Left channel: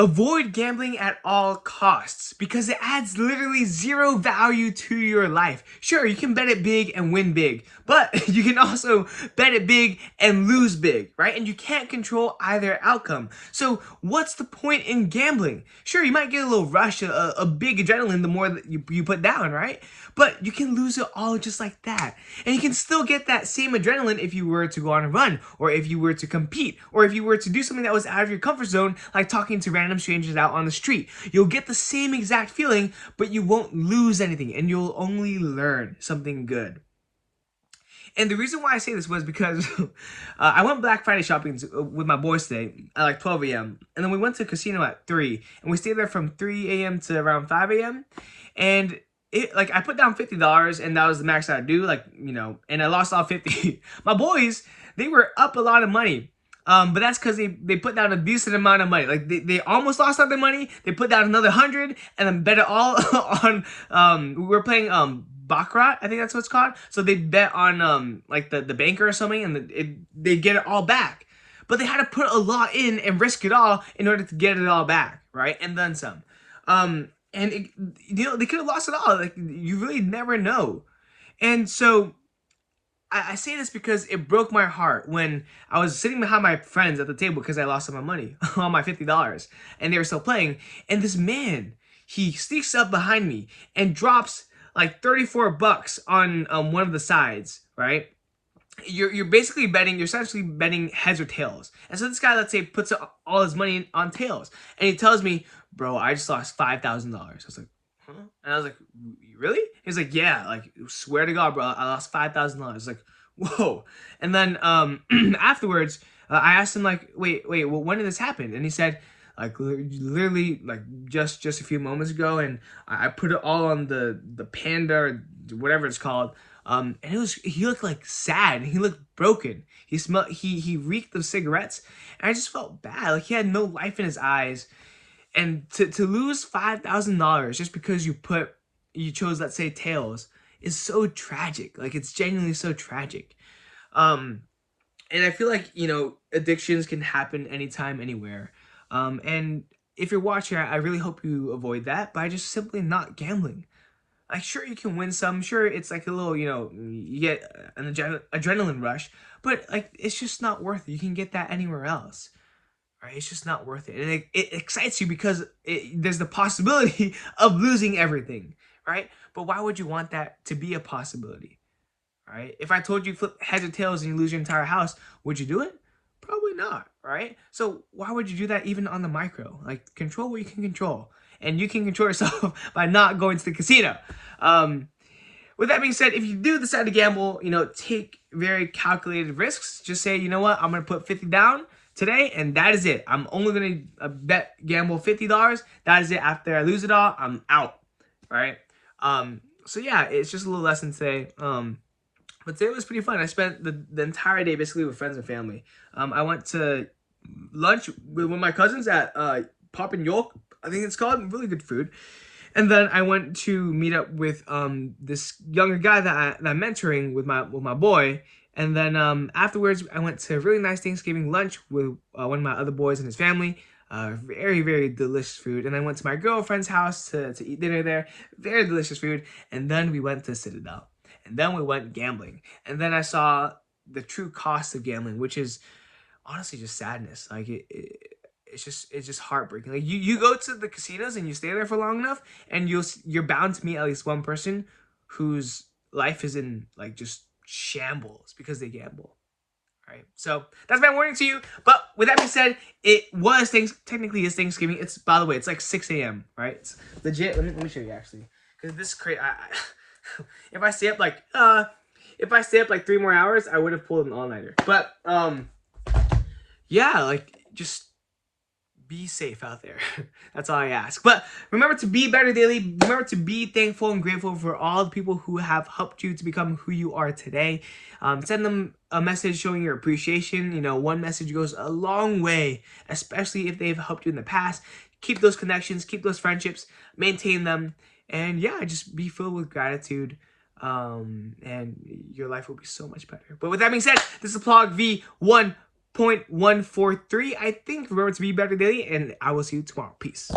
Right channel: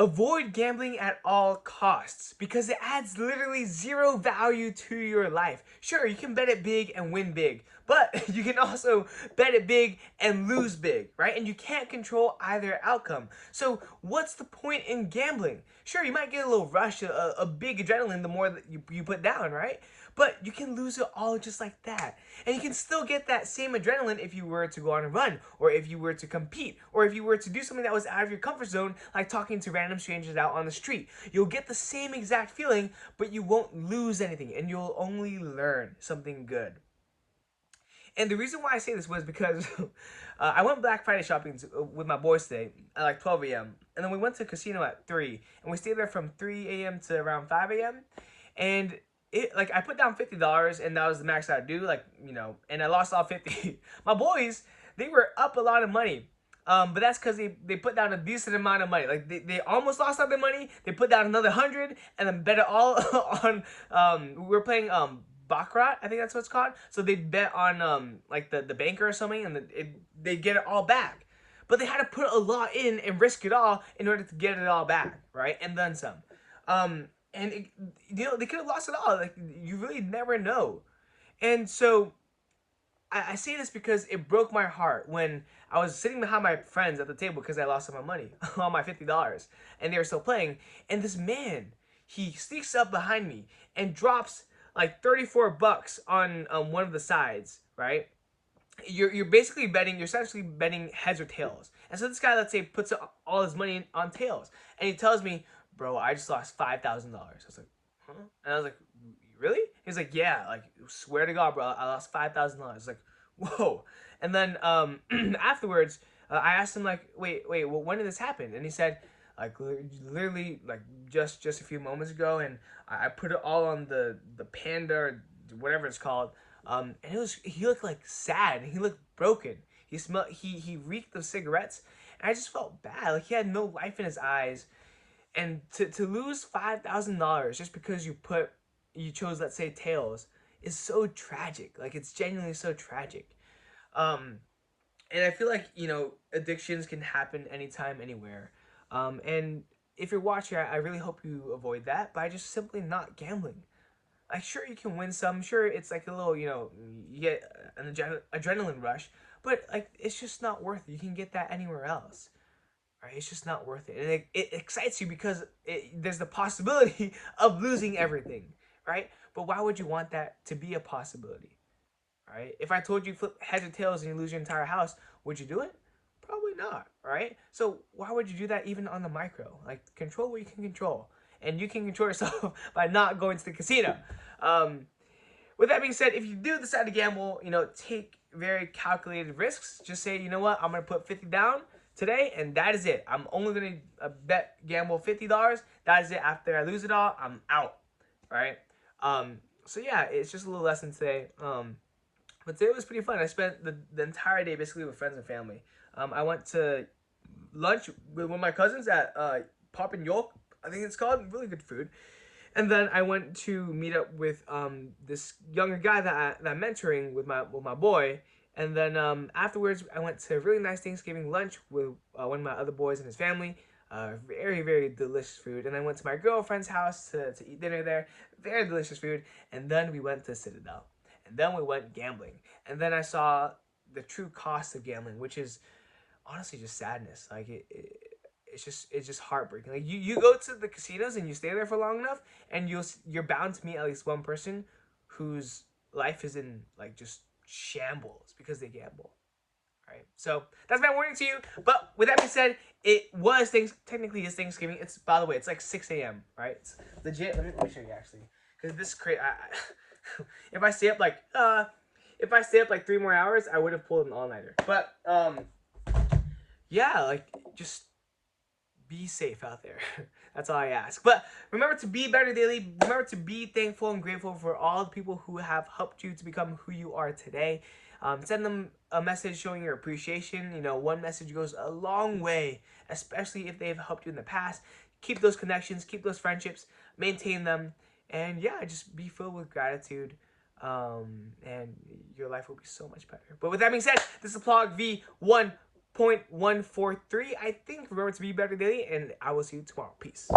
Avoid gambling at all costs because it adds literally zero value to your life. Sure, you can bet it big and win big, but you can also bet it big and lose big, right? And you can't control either outcome. So what's the point in gambling? Sure, you might get a little rush, a big adrenaline the more that you put down, right? But you can lose it all just like that. And you can still get that same adrenaline if you were to go on a run, or if you were to compete, or if you were to do something that was out of your comfort zone, like talking to random strangers out on the street. You'll get the same exact feeling, but you won't lose anything, and you'll only learn something good. And the reason why I say this was because I went Black Friday shopping with my boys today at like 12 a.m. And then we went to a casino at 3. And we stayed there from 3 a.m. to around 5 a.m. And like I put down $50 and that was the max I'd do, like, you know, and I lost all 50. My boys, they were up a lot of money. But that's because they put down a decent amount of money. Like they almost lost all their money. They put down another 100 and then bet it all on we were playing Baccarat, I think that's what it's called. So they bet on like the banker or something, and they get it all back. But they had to put a lot in and risk it all in order to get it all back, right? And then some. And you know, they could have lost it all. Like, you really never know. And so I say this because it broke my heart when I was sitting behind my friends at the table because I lost all my money, all my $50, and they were still playing. And this man, he sneaks up behind me and drops like 34 bucks on one of the sides, right? You're basically betting, you're essentially betting heads or tails. And so this guy, let's say, puts all his money on tails, and he tells me, bro, I just lost $5,000. I was like, huh? And I was like, really? He's like, yeah, like, swear to God, bro, I lost $5,000. I was like, whoa. And then afterwards, I asked him, like, wait, well, when did this happen? And he said, like, literally, like, just a few moments ago, and I put it all on the Panda, or whatever it's called, and he looked like sad, and he looked broken. He reeked of cigarettes, and I just felt bad. Like, he had no life in his eyes, and to lose $5,000 just because you chose, let's say, tails, is so tragic. Like, it's genuinely so tragic. And I feel like, you know, addictions can happen anytime, anywhere. And if you're watching, I really hope you avoid that by just simply not gambling. Like, sure, you can win some. Sure, it's like a little, you know, you get an adrenaline rush. But, like, it's just not worth it. You can get that anywhere else. Right? It's just not worth it. And it excites you because there's the possibility of losing everything. Right? But why would you want that to be a possibility? Right? If I told you flip heads or tails and you lose your entire house, would you do it? Probably not, right? So why would you do that even on the micro? Like, control what you can control. And you can control yourself by not going to the casino. With that being said, if you do decide to gamble, you know, take very calculated risks. Just say, you know what, I'm going to put 50 down today, and that is it. I'm only going to gamble $50. That is it. After I lose it all, I'm out, right? So yeah, it's just a little lesson today. But today was pretty fun. I spent the entire day basically with friends and family. I went to lunch with my cousins at Pop and York, I think it's called. Really good food. And then I went to meet up with this younger guy that I'm mentoring with my boy. And then afterwards, I went to a really nice Thanksgiving lunch with one of my other boys and his family. Very, very delicious food. And I went to my girlfriend's house to eat dinner there. Very delicious food. And then we went to Citadel. And then we went gambling. And then I saw the true cost of gambling, which is honestly just sadness. Like, it's just heartbreaking. Like, you go to the casinos and you stay there for long enough, and you're bound to meet at least one person whose life is in, like, just shambles because they gamble. All right, so that's my warning to you. But with that being said, technically it's Thanksgiving. It's, by the way, it's like 6 a.m. right? It's legit. Let me show you actually, because this is crazy. If I stay up like 3 more hours, I would have pulled an all-nighter. But yeah, like, just be safe out there. That's all I ask. But remember to be better daily. Remember to be thankful and grateful for all the people who have helped you to become who you are today. Send them a message showing your appreciation. You know, one message goes a long way, especially if they've helped you in the past. Keep those connections, keep those friendships, maintain them, and yeah, just be filled with gratitude. And your life will be so much better. But with that being said, this is PLOG V1 0.143, I think. Remember to be better daily, and I will see you tomorrow. Peace.